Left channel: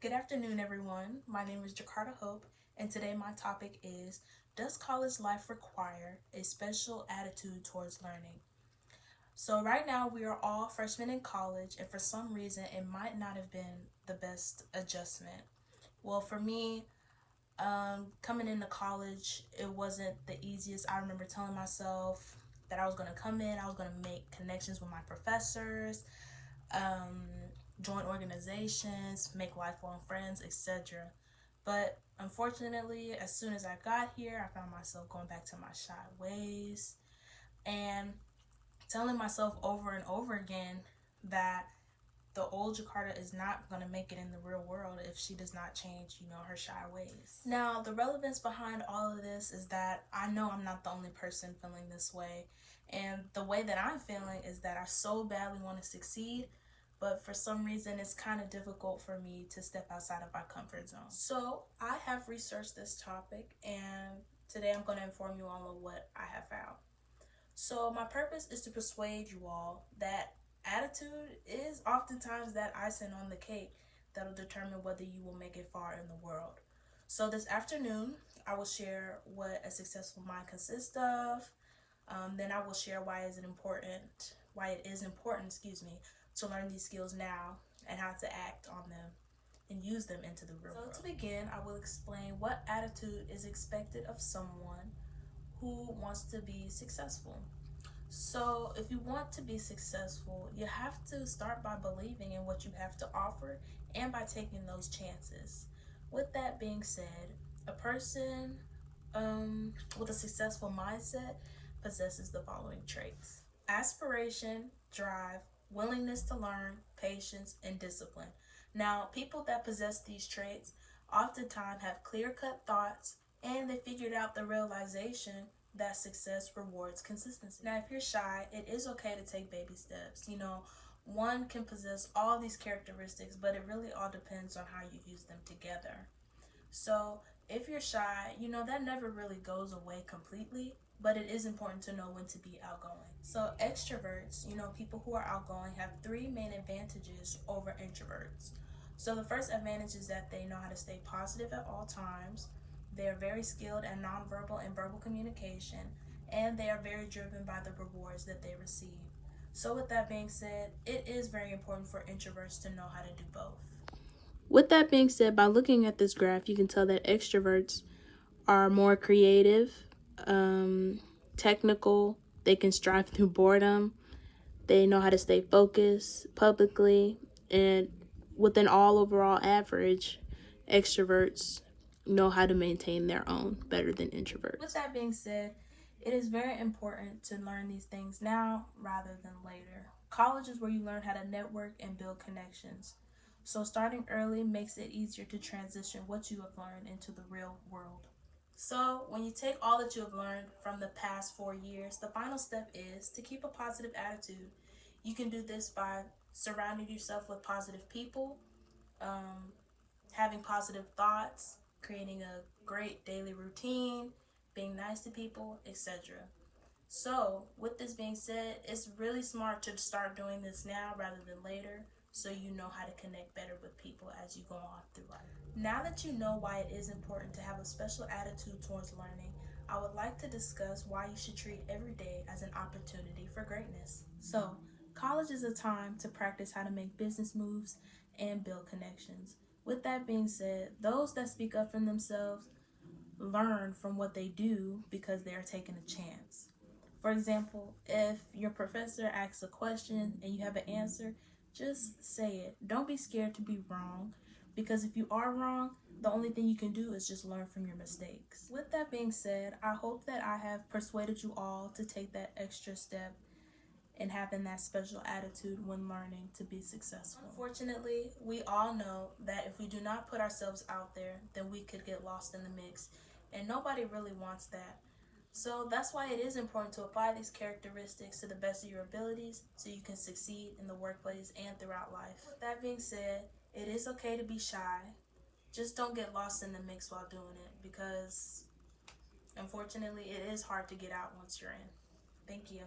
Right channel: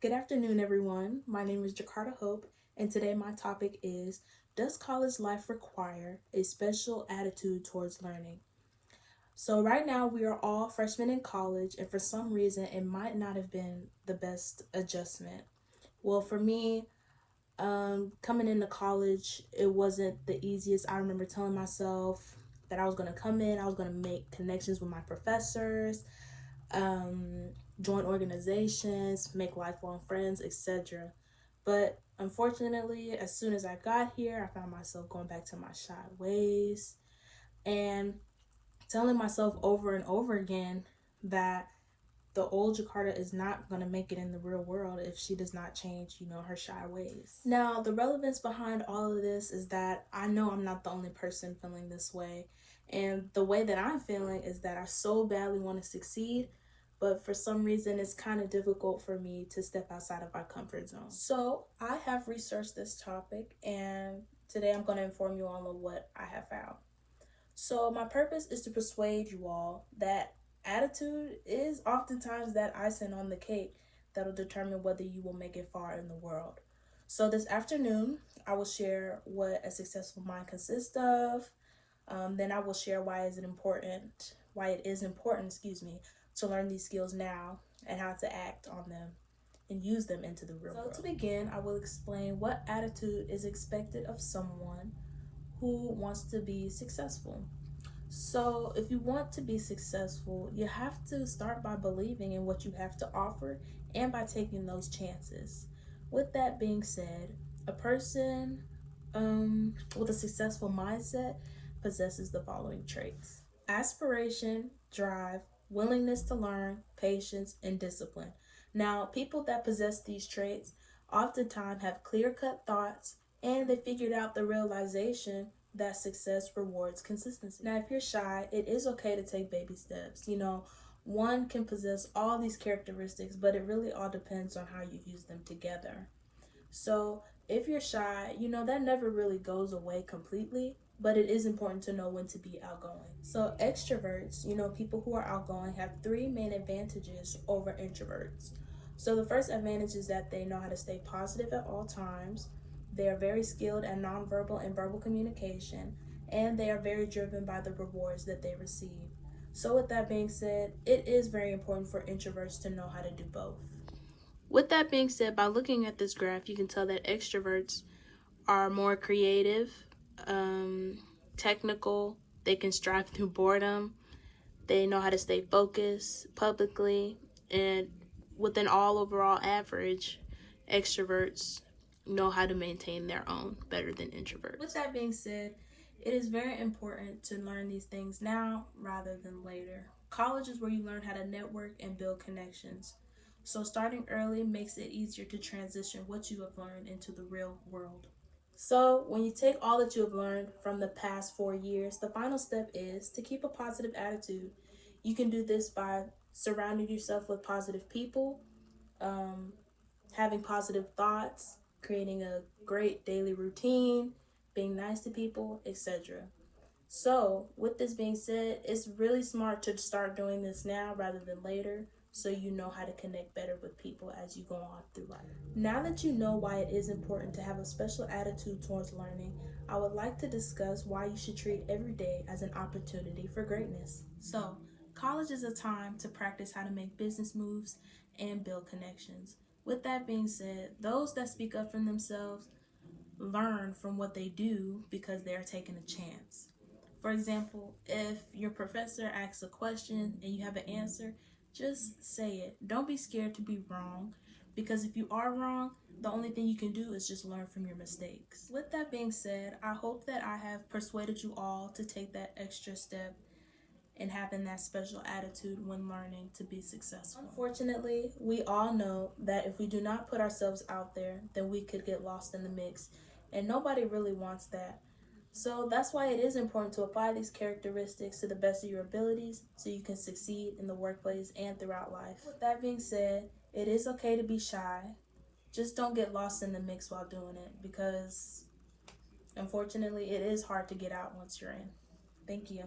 Good afternoon, everyone. My name is Jakarta Hope, and today my topic is, does college life require a special attitude towards learning? So right now we are all freshmen in college, and for some reason it might not have been the best adjustment. Well, for me, coming into college, it wasn't the easiest. I remember telling myself that I was going to come in, I was going to make connections with my professors, um, join organizations, make lifelong friends, etc. But unfortunately, as soon as I got here, I found myself going back to my shy ways and telling myself over and over again that the old Jakarta is not going to make it in the real world if she does not change, her shy ways. Now, the relevance behind all of this is that I know I'm not the only person feeling this way. And the way that I'm feeling is that I so badly want to succeed, but for some reason it's kind of difficult for me to step outside of my comfort zone. So I have researched this topic, and today I'm going to inform you all of what I have found. So my purpose is to persuade you all that attitude is oftentimes that icing on the cake that'll determine whether you will make it far in the world. So this afternoon, I will share what a successful mind consists of. Then I will share why it is important, to learn these skills now and how to act on them and use them into the real world. So to begin, I will explain what attitude is expected of someone who wants to be successful. So if you want to be successful, you have to start by believing in what you have to offer and by taking those chances. With that being said, a person with a successful mindset possesses the following traits: aspiration, drive, willingness to learn, patience, and discipline. Now, people that possess these traits oftentimes have clear-cut thoughts, and they figured out the realization that success rewards consistency. Now, if you're shy, it is okay to take baby steps. One can possess all these characteristics, but it really all depends on how you use them together. So if you're shy, that never really goes away completely, but it is important to know when to be outgoing. So extroverts, people who are outgoing, have three main advantages over introverts. So the first advantage is that they know how to stay positive at all times. They are very skilled at nonverbal and verbal communication, and they are very driven by the rewards that they receive. So with that being said, it is very important for introverts to know how to do both. With that being said, by looking at this graph, you can tell that extroverts are more creative, technical, they can strive through boredom, they know how to stay focused publicly, and with an all overall average, extroverts know how to maintain their own better than introverts. With that being said, it is very important to learn these things now rather than later. College is where you learn how to network and build connections. So starting early makes it easier to transition what you have learned into the real world. So when you take all that you have learned from the past 4 years, the final step is to keep a positive attitude. You can do this by surrounding yourself with positive people, having positive thoughts, creating a great daily routine, being nice to people, etc. So with this being said, it's really smart to start doing this now rather than later, so you know how to connect better with people as you go on through life. Now that you know why it is important to have a special attitude towards learning, I would like to discuss why you should treat every day as an opportunity for greatness. So, college is a time to practice how to make business moves and build connections. With that being said, those that speak up for themselves learn from what they do because they are taking a chance. For example, if your professor asks a question and you have an answer, just say it. Don't be scared to be wrong, because if you are wrong, the only thing you can do is just learn from your mistakes. With that being said, I hope that I have persuaded you all to take that extra step and having that special attitude when learning to be successful. Unfortunately, we all know that if we do not put ourselves out there, then we could get lost in the mix, and nobody really wants that. So that's why it is important to apply these characteristics to the best of your abilities so you can succeed in the workplace and throughout life. With that being said, it is okay to be shy. Just don't get lost in the mix while doing it, because unfortunately it is hard to get out once you're in. Thank you.